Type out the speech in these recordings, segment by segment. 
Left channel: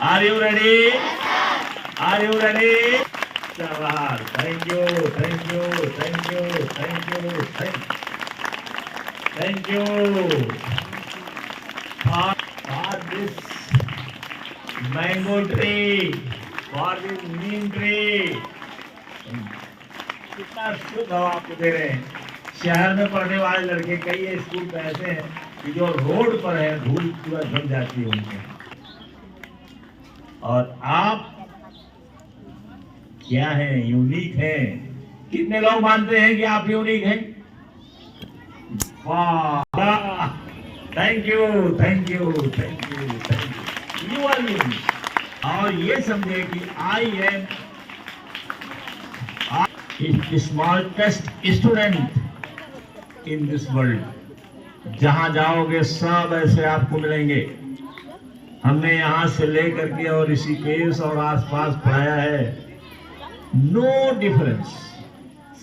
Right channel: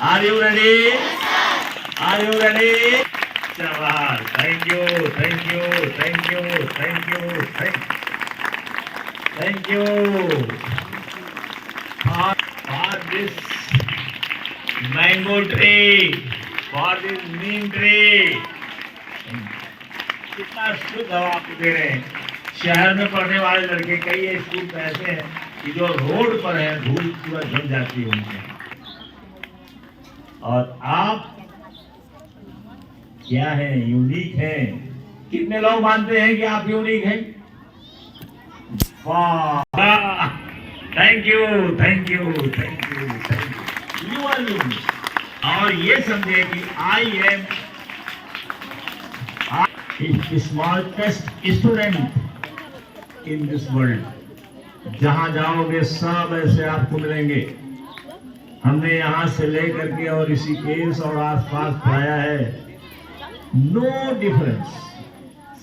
Are you ready? Are you ready? Jawahar. Thank you, thank you, thank you, thank you, thank you. For this mango tree, for this neem tree. कितना शुद्ध हवा आपको दे रहे हैं। शहर में पढ़ने वाले लड़के कई स्कूल ऐसे हैं कि जो रोड पर है धूल पूरा जम जाती है उनके, और आप क्या है, यूनिक हैं। कितने लोग मानते हैं कि आप यूनिक हैं? वाह, thank you, thank you, thank you, thank you. You are unique. और ये समझे कि I am smallest student in this world. जहां जाओगे सब ऐसे आपको मिलेंगे। हमने यहां से लेकर के और ऋषिकेश और आसपास पढ़ाया है, नो डिफरेंस,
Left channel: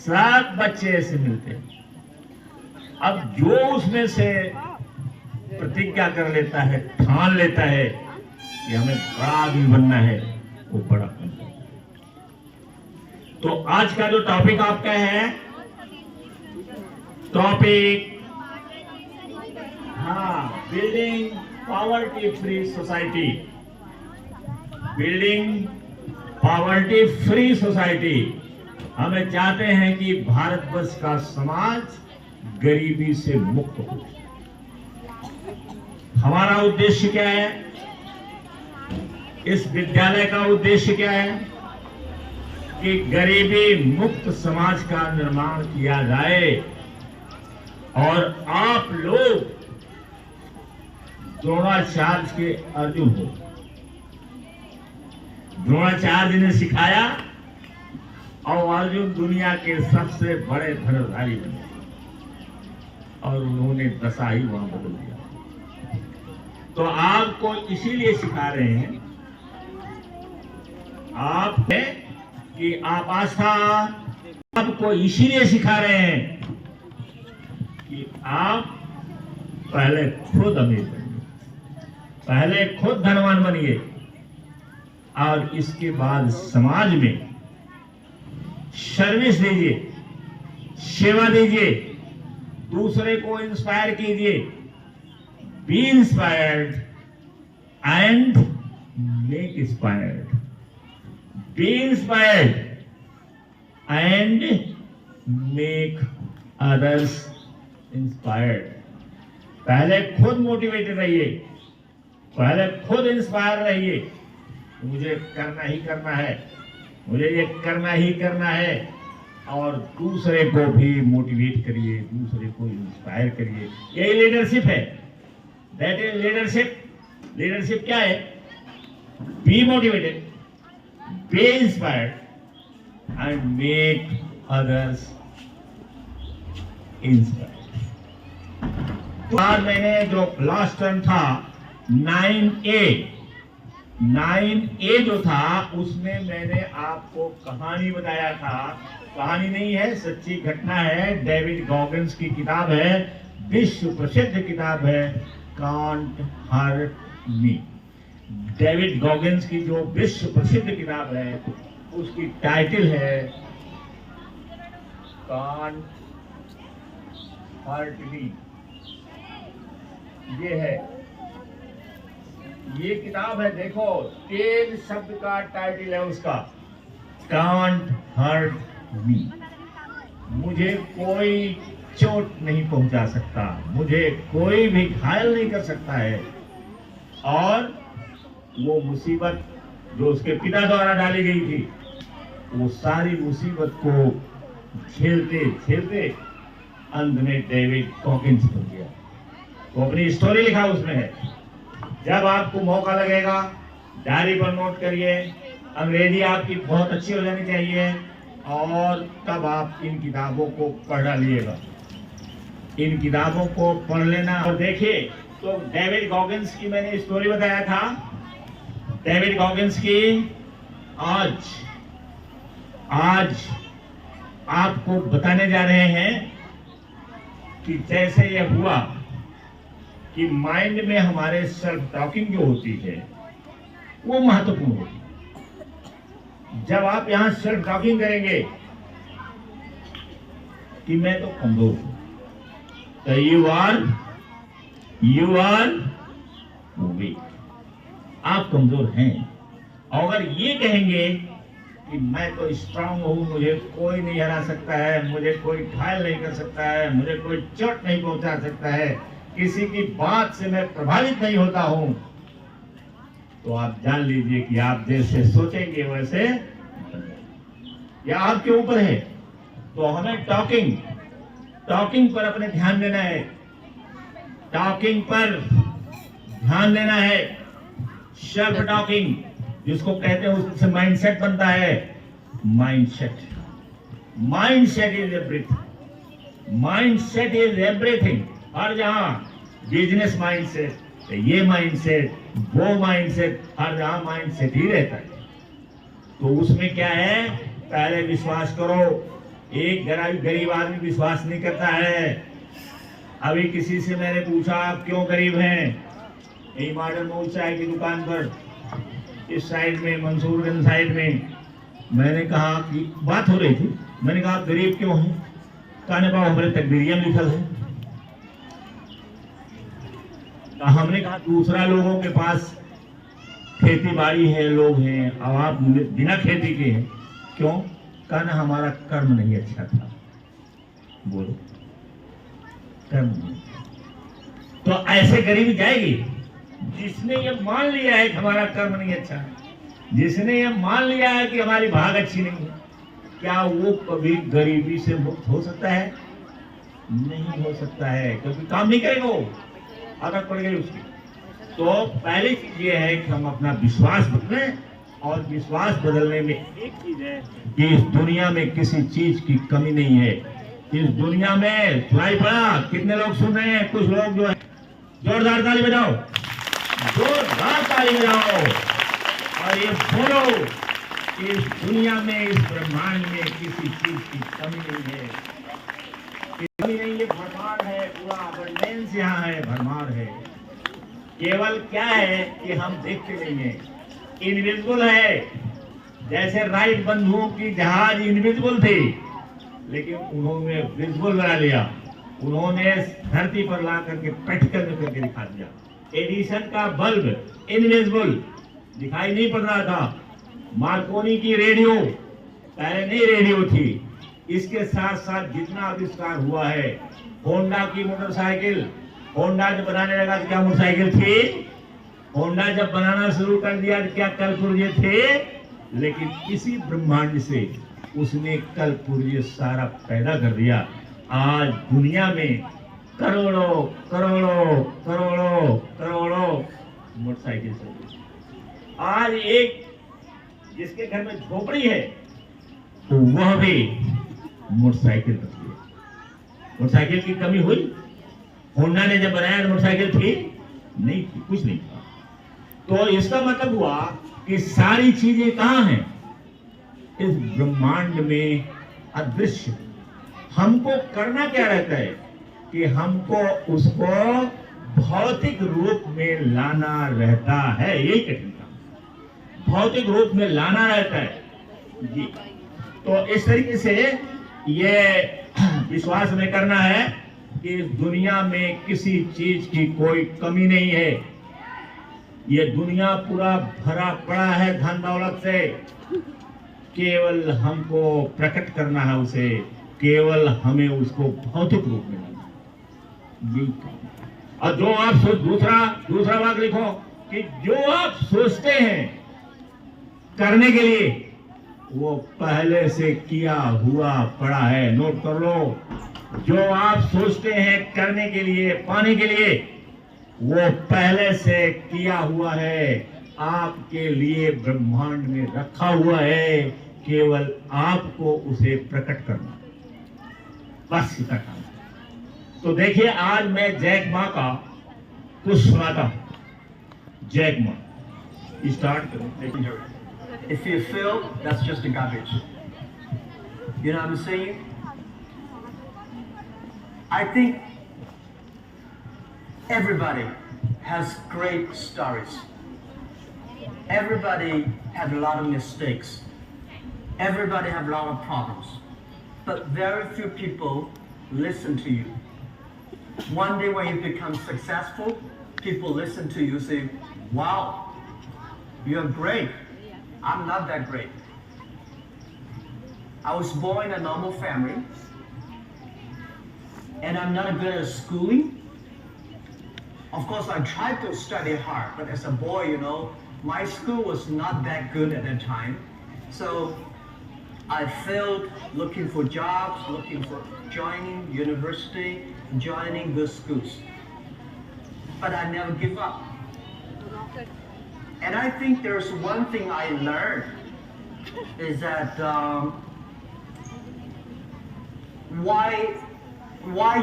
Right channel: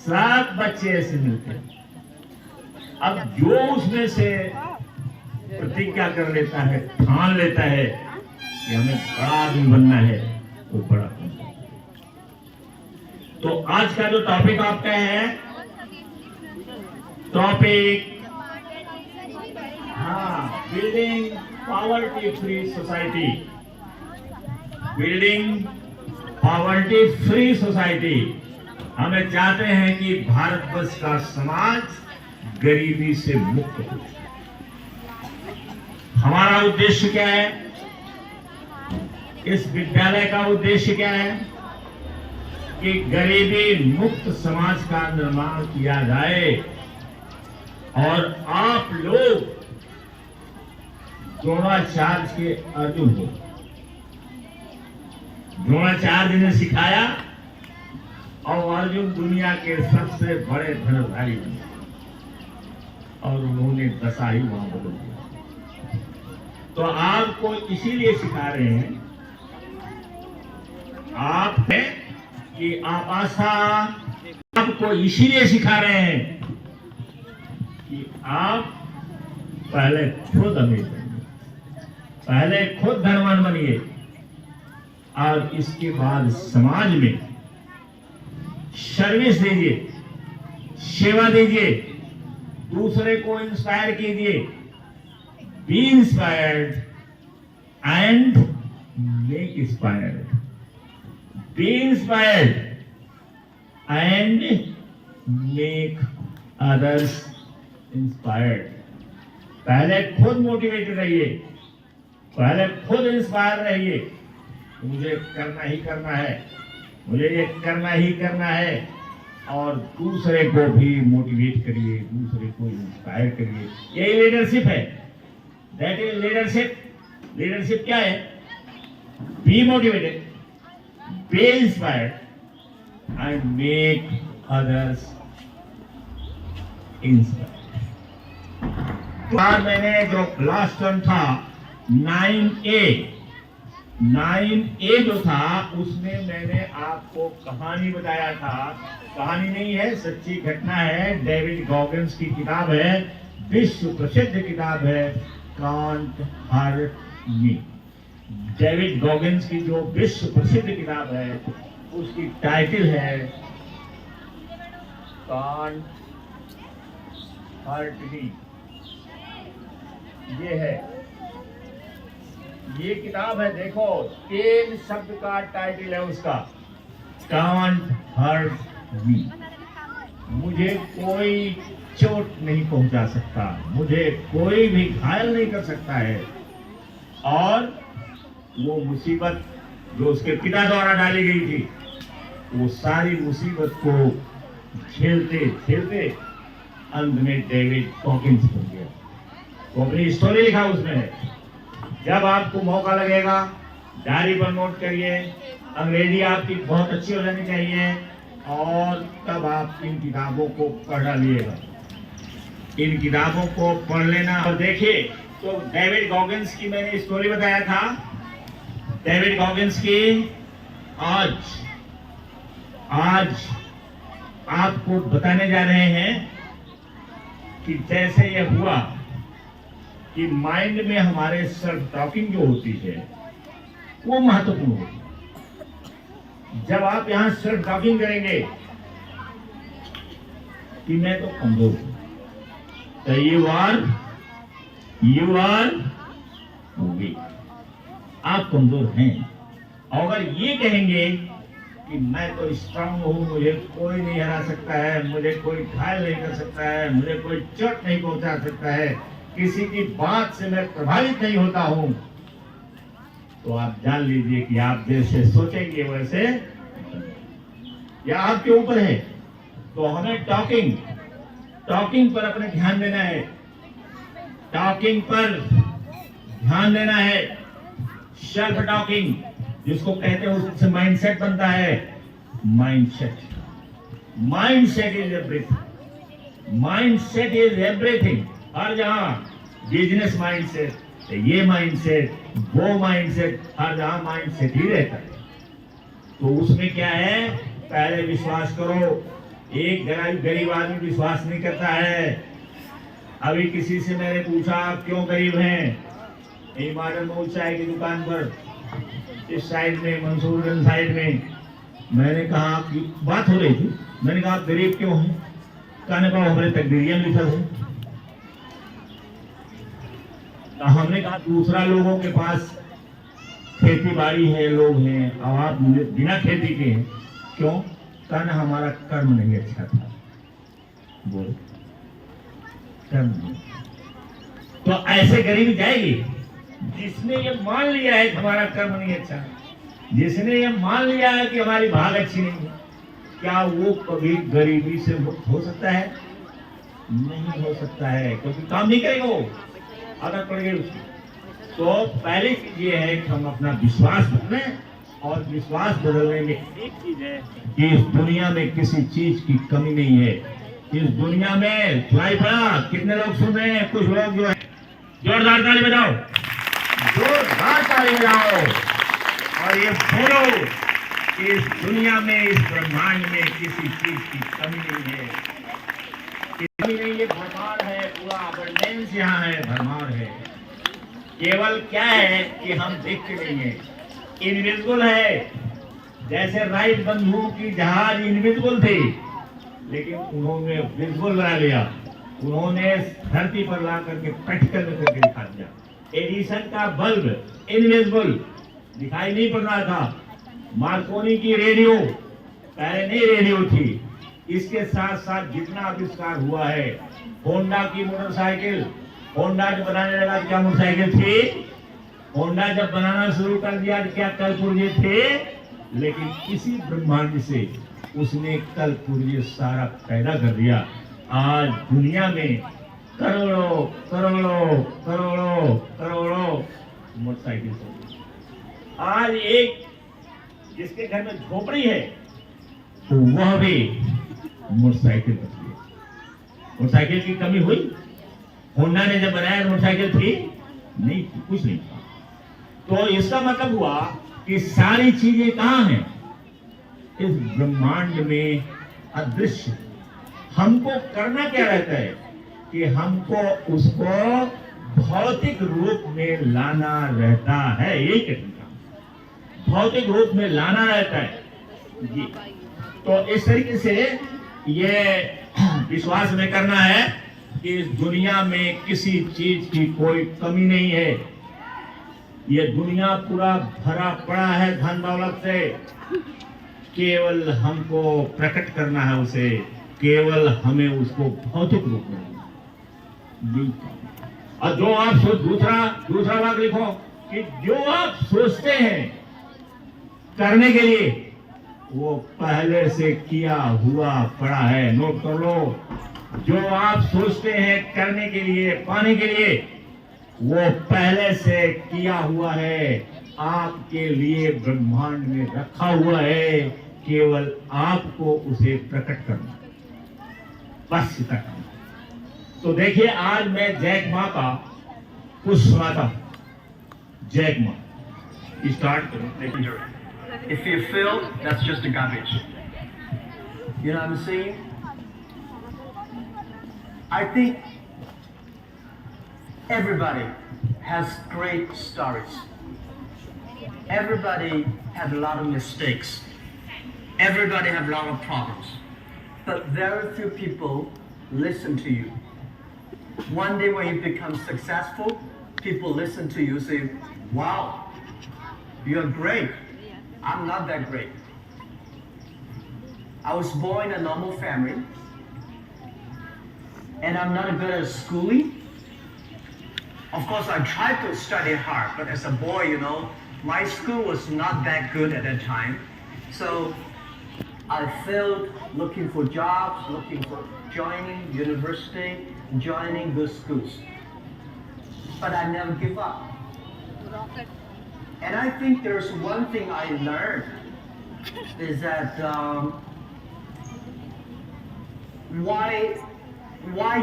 सब बच्चे ऐसे मिलते हैं। अब जो उसमें से प्रतिज्ञा कर लेता है, ठान लेता है कि हमें बड़ा आदमी बनना है, वो बड़ा बनता है। तो आज का जो टॉपिक आपका है, topic building poverty free society. Building poverty free society. हमें चाहते हैं कि भारतवर्ष का समाज गरीबी से मुक्त हो। हमारा उद्देश्य क्या है? इस विद्यालय का उद्देश्य क्या है कि गरीबी मुक्त समाज का निर्माण किया जाए और आप लोग द्रोणाचार्य के अर्जुन हो। द्रोणाचार्य ने सिखाया और अर्जुन दुनिया के सबसे बड़े धनुर्धारी बने, और उन्होंने दशा ही वहां बदल दिया। तो आपको इसीलिए सिखा रहे हैं, आप है कि आप आशा, आपको इसीलिए सिखा रहे हैं कि आप पहले खुद अमीर बनिए, पहले खुद धनवान बनिए, और इसके बाद समाज में सर्विस दीजिए, सेवा दीजिए, दूसरे को इंस्पायर कीजिए। B inspired and make inspired. B inspired and make others inspired. पहले खुद मोटिवेटेड रहिए, पहले खुद इंस्पायर रहिए, मुझे करना ही करना है, मुझे ये करना ही करना है, और दूसरे को भी मोटिवेट करिए, दूसरे को इंस्पायर करिए। यही लीडरशिप है। That is leadership. लीडरशिप क्या है? Be motivated, B inspired and make others inspired. तो आज मैंने जो क्लास 10 था 9A जो था, उसमें मैंने आपको कहानी बताया था। कहानी नहीं है, सच्ची घटना है। डेविड गॉगिन्स की किताब है, विश्व प्रसिद्ध किताब है, can't hurt me. David Goggins की जो विश्व प्रसिद्ध किताब है, उसकी टाइटल है कांट हर्ट मी। ये है, ये किताब है, देखो 10 शब्द का टाइटल है उसका, कांट हर्ट मी। मुझे कोई चोट नहीं पहुंचा सकता, मुझे कोई भी घायल नहीं कर सकता है। और वो मुसीबत जो उसके पिता द्वारा डाली गई थी, वो सारी मुसीबत को झेलते झेलते अंत में डेविड गॉगिन्स बन गया। वो अपनी स्टोरी लिखा उसमें है। जब आपको मौका लगेगा, डायरी पर नोट करिए। अंग्रेजी आपकी बहुत अच्छी हो जानी चाहिए, और तब आप इन किताबों को पढ़ डालिएगा। इन किताबों को पढ़ लेना। और देखिए, तो डेविड गॉगिन्स की मैंने स्टोरी बताया था। डेविड गॉगिन्स की आज आपको बताने जा रहे हैं कि जैसे यह हुआ कि माइंड में हमारे सेल्फ टॉकिंग जो होती है, वो महत्वपूर्ण होगी। जब आप यहां सेल्फ टॉकिंग करेंगे कि मैं तो कमजोर हूं, तो यू आर वीक, आप कमजोर हैं। और अगर ये कहेंगे कि मैं तो स्ट्रांग हूं, मुझे कोई नहीं हरा सकता है, मुझे कोई घायल नहीं कर सकता है, मुझे कोई चोट नहीं पहुंचा सकता है, किसी की बात से मैं प्रभावित नहीं होता हूं, तो आप जान लीजिए कि आप जैसे सोचेंगे वैसे या आपके ऊपर है। तो हमें टॉकिंग पर अपने ध्यान देना है, टॉकिंग पर ध्यान देना है। सेल्फ टॉकिंग जिसको कहते हैं उससे माइंडसेट बनता है। Mindset is everything. हर जहां बिजनेस माइंडसेट, ये माइंडसेट, वो माइंडसेट, हर जहां माइंडसेट ही रहता है। तो उसमें क्या है, पहले विश्वास करो। एक गरीब आदमी विश्वास नहीं करता है। अभी किसी से मैंने पूछा आप क्यों गरीब हैं? यही मॉडल में चाय की दुकान पर इस साइड में, मंसूरगंज साइड में, मैंने कहा कि बात हो रही थी, मैंने कहा आप गरीब क्यों हैं? कहने पाओ हमारे तकदीरिया में लिखा है। हमने कहा दूसरा लोगों के पास खेती बाड़ी है, लोग हैं, और आप बिना खेती के हैं, क्यों? कहना हमारा कर्म नहीं अच्छा था। बोलो कर्म नहीं। तो ऐसे गरीबी जाएगी जिसने ये मान लिया है कि हमारा कर्म नहीं अच्छा है, जिसने ये मान लिया है कि हमारी भाग अच्छी नहीं है, क्या वो कभी गरीबी से मुक्त हो सकता है? नहीं हो सकता है, क्योंकि काम नहीं करेगा, वो आदत पड़ गई उसकी। तो पहली चीज ये है कि हम अपना विश्वास बदलें, और विश्वास बदलने में एक चीज है कि इस दुनिया में किसी चीज की कमी नहीं है। इस दुनिया में सुनाई पड़ा, कितने लोग सुन रहे हैं? कुछ लोग जो है, जोरदार ताली बजाओ, जोरदार ताली बजाओ, और ये बोलो कि इस दुनिया में, इस ब्रह्मांड में किसी चीज की कमी नहीं है। कमी नहीं है, भरमार है, पूरा अबंडेंस यहाँ है, भरमार है। केवल क्या है कि हम देखते नहीं है, इनविजिबल है। जैसे राइट बंधुओं की जहाज इनविजिबल थी, लेकिन उन्होंने विजिबल बना लिया, उन्होंने धरती पर ला करके प्रैक्टिकल में करके दिखा दिया। एडिसन का बल्ब इनविजिबल, दिखाई नहीं पड़ रहा था। मार्कोनी की रेडियो, पहले नहीं रेडियो थी। इसके साथ साथ जितना आविष्कार हुआ है, होंडा की मोटरसाइकिल, होंडा जब बनाने लगा तो क्या मोटरसाइकिल थी? होंडा जब बनाना शुरू कर दिया तो क्या कल पुर्जे थे? लेकिन इसी ब्रह्मांड से उसने कल पुर्जे सारा पैदा कर दिया। आज दुनिया में करोड़ों करोड़ों करोड़ों करोड़ों मोटरसाइकिल चली। आज एक जिसके घर में झोपड़ी है, तो वह भी मोटरसाइकिल बची है। मोटरसाइकिल की कमी हुई? होंडा ने जब बनाया मोटरसाइकिल थी? नहीं थी, कुछ नहीं था। तो इसका मतलब हुआ कि सारी चीजें कहां हैं? इस ब्रह्मांड में अदृश्य। हमको करना क्या रहता है कि हमको उसको भौतिक रूप में लाना रहता है। यही कठिन काम, भौतिक रूप में लाना रहता है जी। तो इस तरीके से ये विश्वास में करना है कि इस दुनिया में किसी चीज की कोई कमी नहीं है। ये दुनिया पूरा भरा पड़ा है धन दौलत से, केवल हमको प्रकट करना है उसे, केवल हमें उसको भौतिक रूप में लाना। और जो आप दूसरा बात लिखो कि जो आप सोचते हैं करने के लिए, वो पहले से किया हुआ पड़ा है। नोट कर लो, जो आप सोचते हैं करने के लिए, पाने के लिए, वो पहले से किया हुआ है, आपके लिए ब्रह्मांड में रखा हुआ है। केवल आपको उसे प्रकट करना है, बस इतना काम। तो देखिए, आज मैं जैक मा का कुछ सुनाता हूं। जैक मा, स्टार्ट करो। If you feel, that's just a garbage. You know what I'm saying? I think everybody has great stories. everybody had a lot of mistakes. Everybody have a lot of problems. But very few people listen to you. One day when you become successful, people listen to you say, wow, you're great. I'm not that great. I was born in a normal family, and I'm not good at schooling. Of course, I tried to study hard, but as a boy, you know, my school was not that good at that time. So I failed looking for jobs, looking for joining university, joining good schools. But I never give up. And I think there's one thing I learned is that why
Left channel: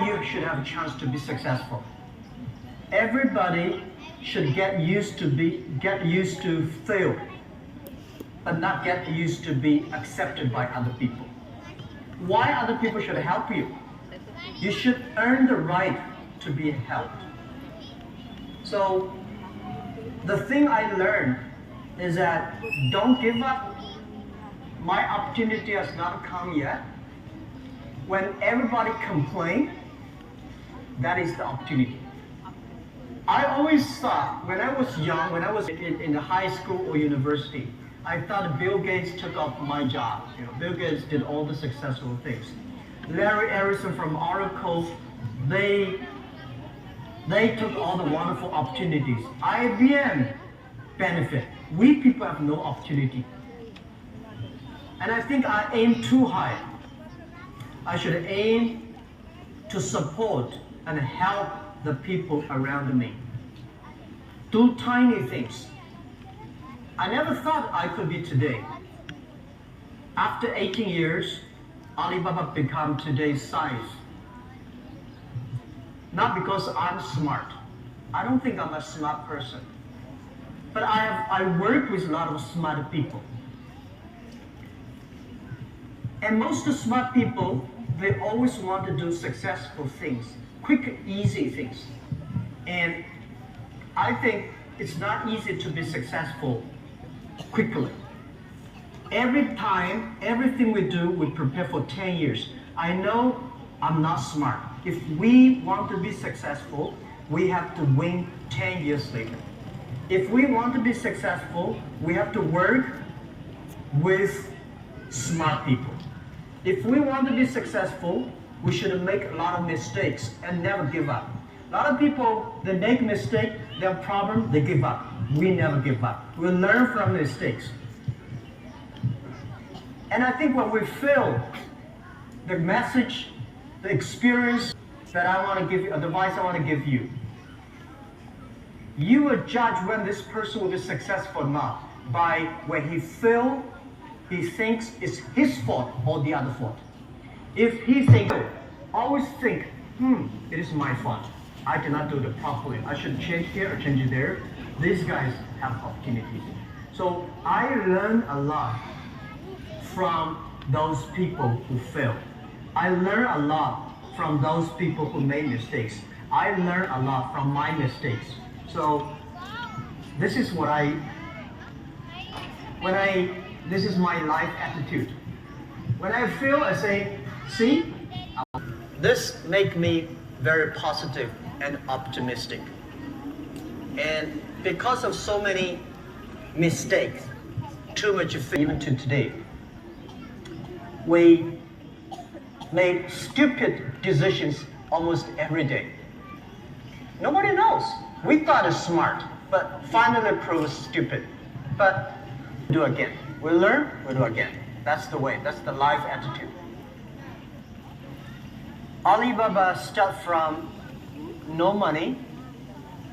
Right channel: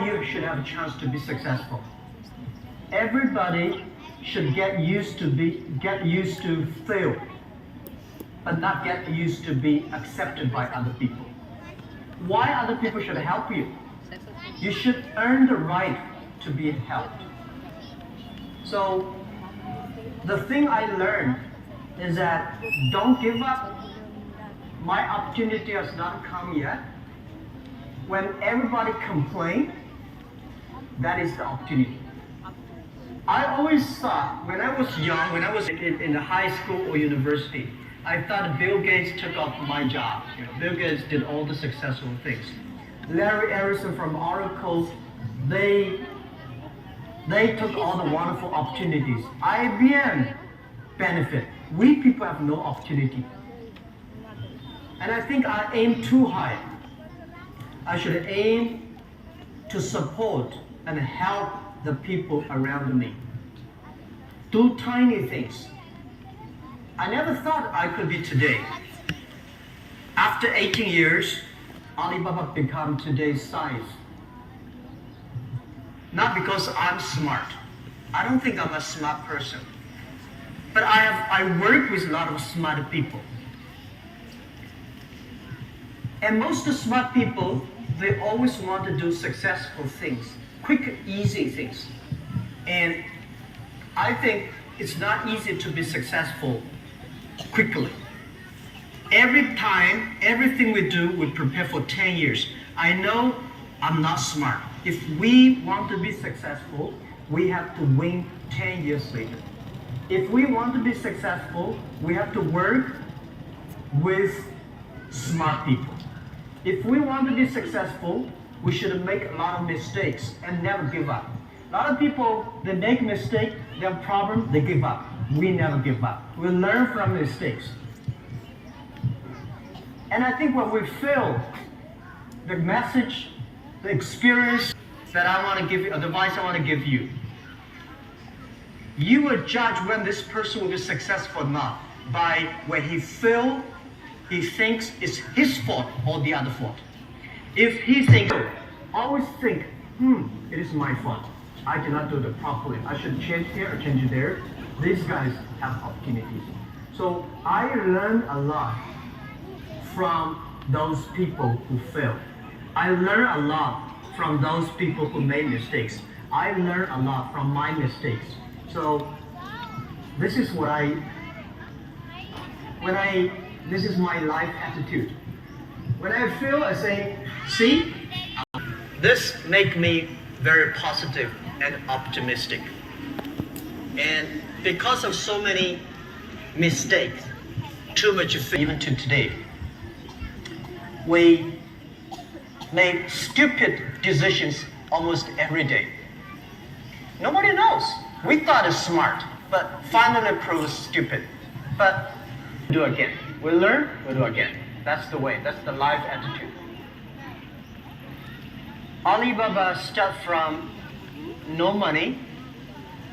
you should have a chance to be successful. Everybody should get used to fail, but not get used to be accepted by other people. Why other people should help you? You should earn the right to be helped. So the thing I learned is that don't give up. My opportunity has not come yet. When everybody complains, that is the opportunity. I always thought, when I was young, when I was in the high school or university, I thought Bill Gates took up my job. You know, Bill Gates did all the successful things. Larry Ellison from Oracle, they took all the wonderful opportunities. IBM benefit. We people have no opportunity. And I think I aim too high. I should aim to support and help the people around me. Do tiny things. I never thought I could be today. After 18 years, Alibaba become today's size. Not because I'm smart. I don't think I'm a smart person. But I work with a lot of smart people. And most of the smart people, they always want to do successful things, quick, easy things. And I think it's not easy to be successful quickly. Every time, everything we do, we prepare for 10 years. I know I'm not smart. If we want to be successful, we have to win 10 years later. If we want to be successful, we have to work with smart people. If we want to be successful, we should make a lot of mistakes and never give up. A lot of people, they make mistakes, they have problems, they give up. We never give up. We learn from mistakes. And I think when we fail, the message, the experience that I want to give you, the advice I want to give you, you will judge when this person will be successful or not by when he fails, he thinks it's his fault or the other fault. If he thinks, always think, it is my fault. I did not do it properly. I should change here or change it there. These guys have opportunities. So I learned a lot from those people who failed. I learned a lot from those people who made mistakes. I learned a lot from my mistakes. So this is what this is my life attitude. When I fail, I say, see, this makes me very positive and optimistic. And because of so many mistakes, too much fail, even to today, we make stupid decisions almost every day. Nobody knows. We thought it's smart, but finally proves stupid. But do again. We learn, we do again. That's the way. That's the life attitude. Alibaba started from no money,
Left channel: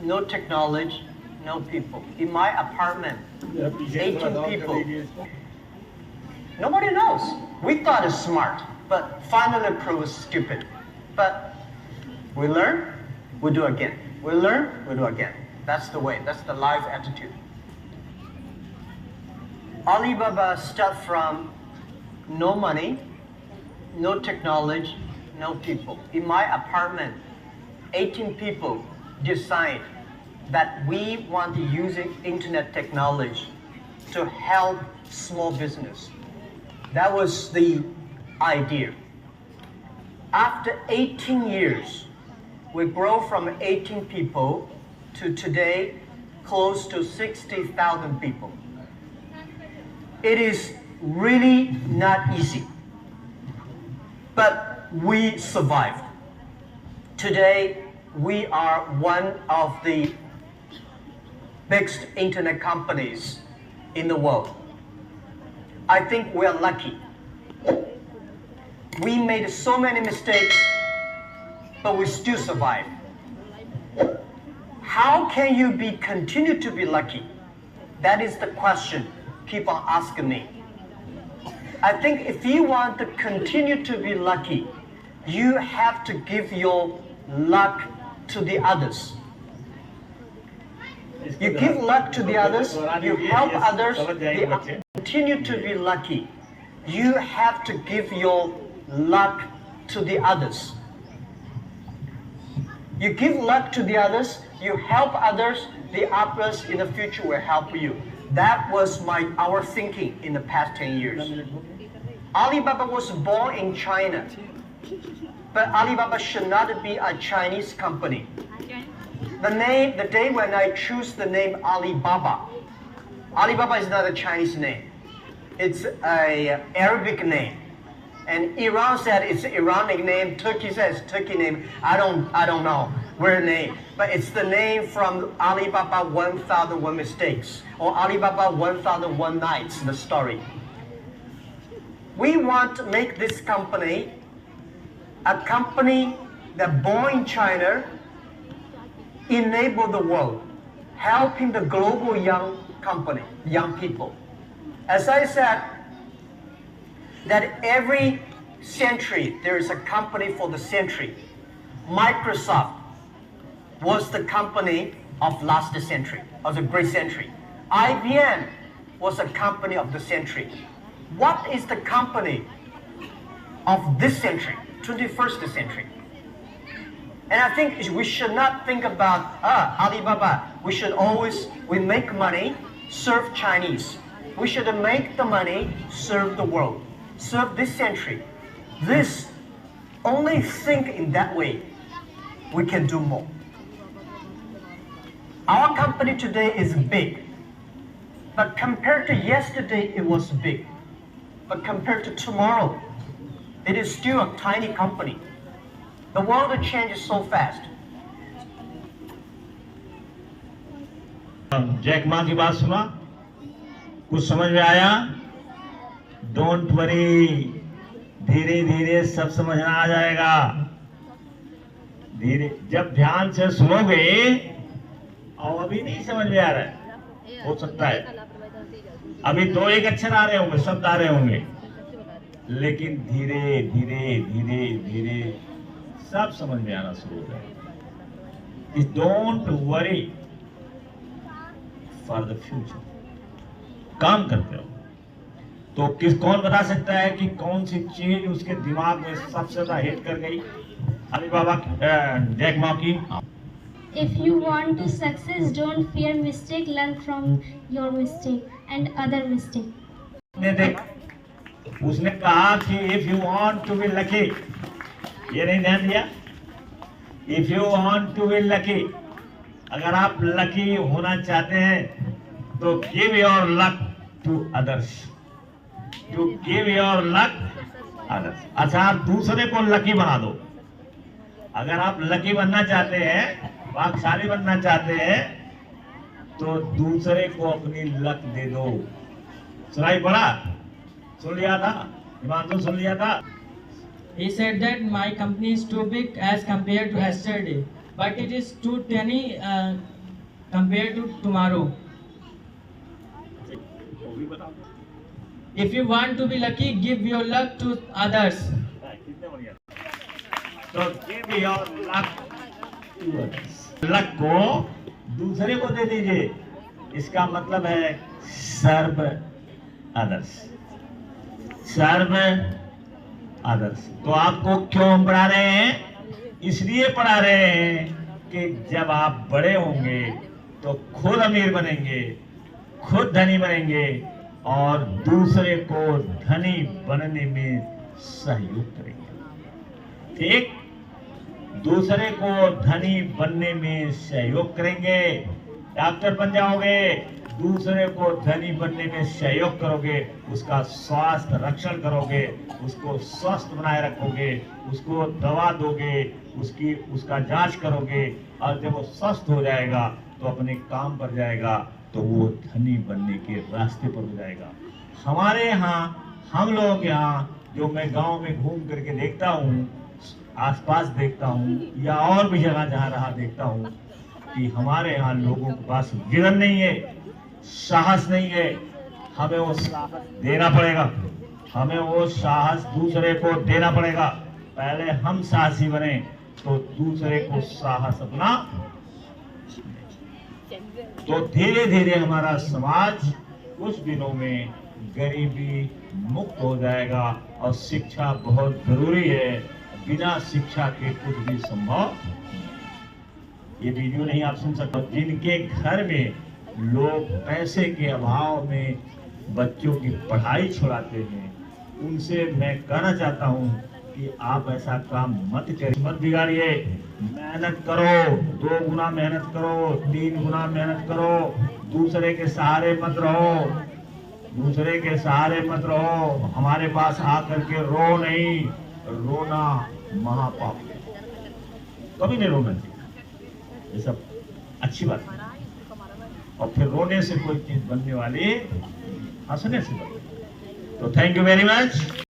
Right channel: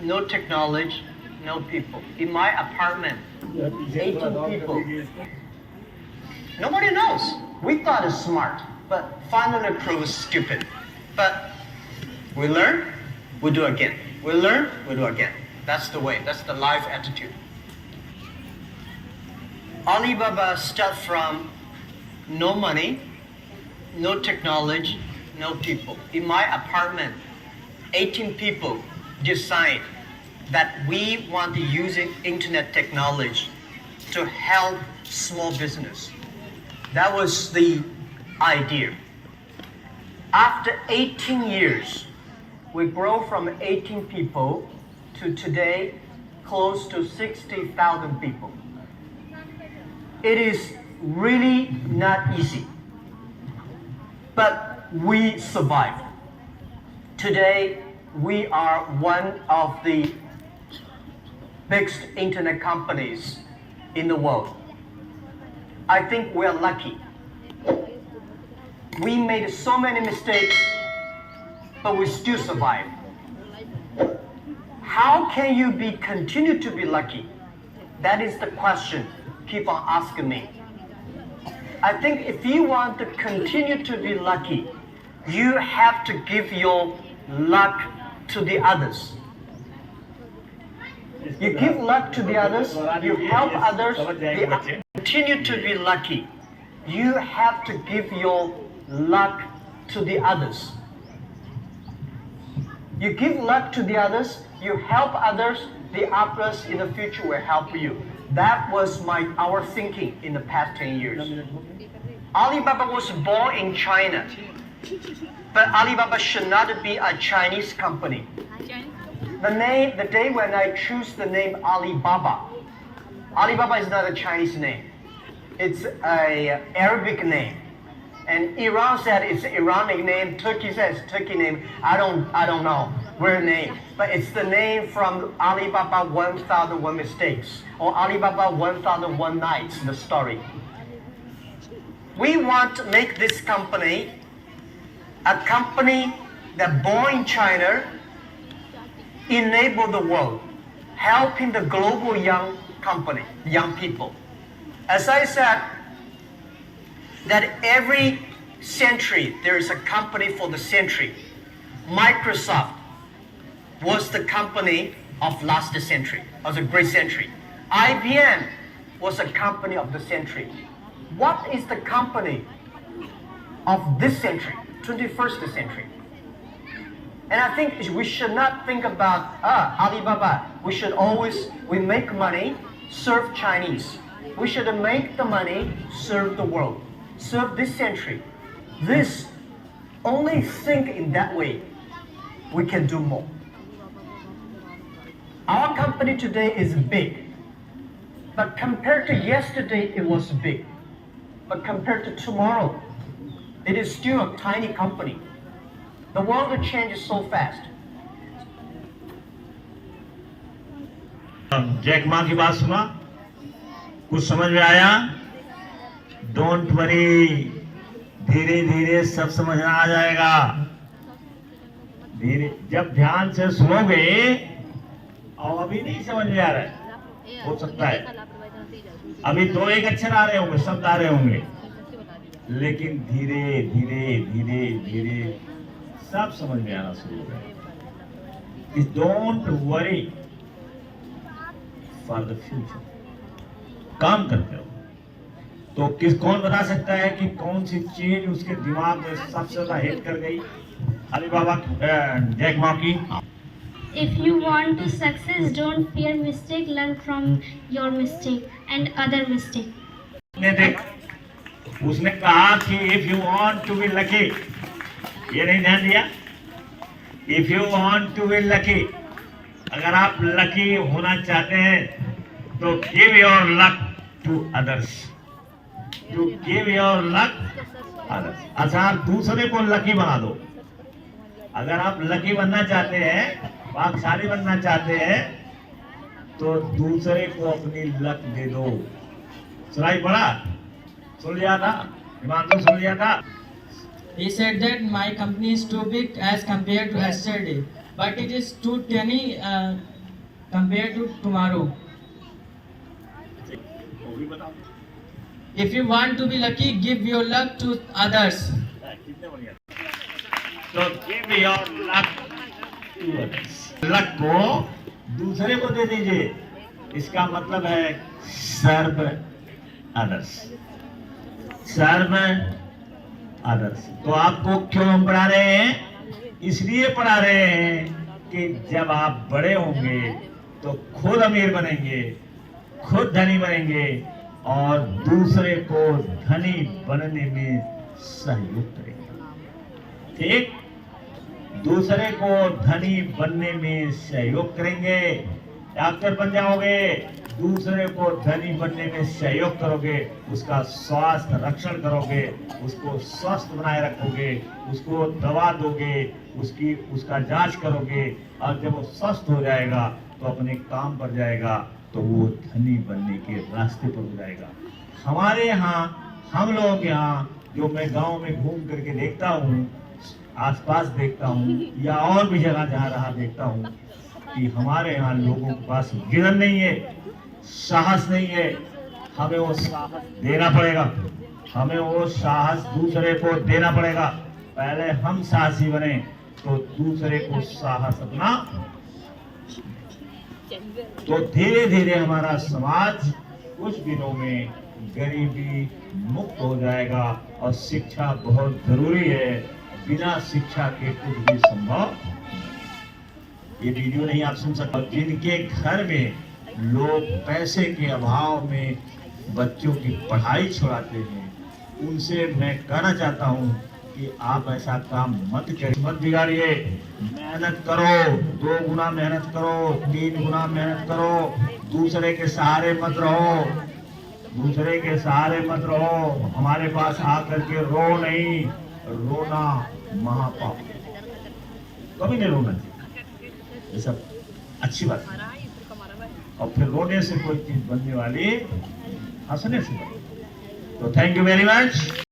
no technology, no people. In my apartment, 18 people. Nobody knows. We thought it's smart, but finally proves stupid. But we learn, we do again. We learn, we do again. That's the way. That's the life attitude. Alibaba started from no money, no technology, no people. In my apartment, 18 people decide that we want to use internet technology to help small business. That was the idea. After 18 years, we grow from 18 people to today close to 60,000 people. It is really not easy, but we survived. Today, we are one of the biggest internet companies in the world. I think we are lucky. We made so many mistakes, but we still survived. How can you continue to be lucky? That is the question people are asking me. I think if you want to continue to be lucky, you have to give your luck to the others. You give luck to the others, you help others, they continue to be lucky. You have to give your luck to the others. You give luck to the others, you help others, the others in the future will help you. That was our thinking in the past 10 years. Alibaba was born in China, but Alibaba should not be a Chinese company. The day when I choose the name Alibaba, Alibaba is not a Chinese name. It's an Arabic name. And Iran said it's an Iranic name. Turkey says Turkey name. I don't know where name, but it's the name from Alibaba 1001 Mistakes or Alibaba 1001 Nights. The story. We want to make this company a company that born in China, enable the world, helping the global young people. As I said, that every century there is a company for the century. Microsoft was the company of last century, of the great century. IBM was a company of the century. What is the company of this century, 21st century? And I think we should not think about Alibaba. We make money, serve Chinese. We should make the money, serve the world, serve this century. Only think in that way, we can do more. Our company today is big, but compared to yesterday, it was big. But compared to tomorrow, it is still a tiny company. The world changes so fast. Jack Ma की बात सुना, कुछ समझ में आया? Don't worry, धीरे धीरे सब समझ में आ जाएगा. धीरे जब ध्यान से सुनोगे, और अभी नहीं समझ में आ रहा है, हो सकता है अभी 2-1 अक्षर आ रहे होंगे, शब्द आ रहे होंगे, लेकिन धीरे धीरे धीरे धीरे सब समझ में आना शुरू हो जाएगा. Don't worry for the future. काम करते हो तो कौन बता सकता है कि कौन सी चीज उसके दिमाग में सबसे ज्यादा हिट कर गई? अलीबाबा जैक मा की. If you want to success, don't fear mistake, learn from your mistake and other mistake. उसने कहा कि if you want to be lucky, ये नहीं ध्यान दिया? If you want to be lucky, अगर आप लकी होना चाहते हैं तो give your luck to others. To give your luck others. अच्छा, आप दूसरे को लकी बना दो. अगर आप लकी बनना चाहते हैं, भाग्यशाली बनना चाहते हैं, तो दूसरे को अपनी लक दे दो. सुनाई पड़ा? सुन लिया था? हिमांशु सुन लिया था? He said that my company is too big as compared to yesterday, but it is too tiny compared to tomorrow. If you want to be lucky, give your luck to others. So give your luck to others. Luck को दूसरे को दे दीजिए. इसका मतलब है सर्व others. सर्व others. तो आपको क्यों पढ़ा रहे हैं? इसलिए पढ़ा रहे हैं कि जब आप बड़े होंगे तो खुद अमीर बनेंगे, खुद धनी बनेंगे और दूसरे को धनी बनने में सहयोग करेंगे। ठीक, दूसरे को धनी बनने में सहयोग करेंगे। डॉक्टर बन जाओगे, दूसरे को धनी बनने में सहयोग करोगे, उसका स्वास्थ्य रक्षण करोगे, उसको स्वस्थ बनाए रखोगे, उसको दवा दोगे, उसका जांच करोगे, और जब वो स्वस्थ हो जाएगा तो अपने काम पर जाएगा, तो वो धनी बनने के रास्ते पर हो जाएगा। हमारे यहाँ, हम लोगों के यहाँ, जो मैं गांव में घूम करके देखता हूँ, आसपास देखता हूँ, या और भी जगह जहाँ रहा देखता हूँ, कि हमारे यहाँ लोगों के पास गिरन नहीं है, साहस नहीं है। हमें वो साहस देना पड़ेगा, हमें वो साहस दूसरे को देना पड़ेगा। पहले हम साहसी बने तो दूसरे को साहस अपना, तो धीरे धीरे हमारा समाज कुछ दिनों में गरीबी मुक्त हो जाएगा। और शिक्षा बहुत जरूरी है, बिना शिक्षा के कुछ भी संभव। ये वीडियो नहीं आप सुन सकते। जिनके घर में लोग पैसे के अभाव में बच्चों की पढ़ाई छुड़ाते हैं, उनसे मैं कहना चाहता हूँ कि आप ऐसा काम मत बिगाड़िए। मेहनत करो, 2 गुना मेहनत करो, 3 गुना मेहनत करो। दूसरे के सहारे मत रहो, दूसरे के सहारे मत रहो। हमारे पास आकर के रो नहीं, रोना महापाप, कभी नहीं रोना चाहिए। ये सब अच्छी बात है। और फिर रोने से कोई चीज बनने वाली, हंसने से बनने। तो थैंक यू वेरी मच।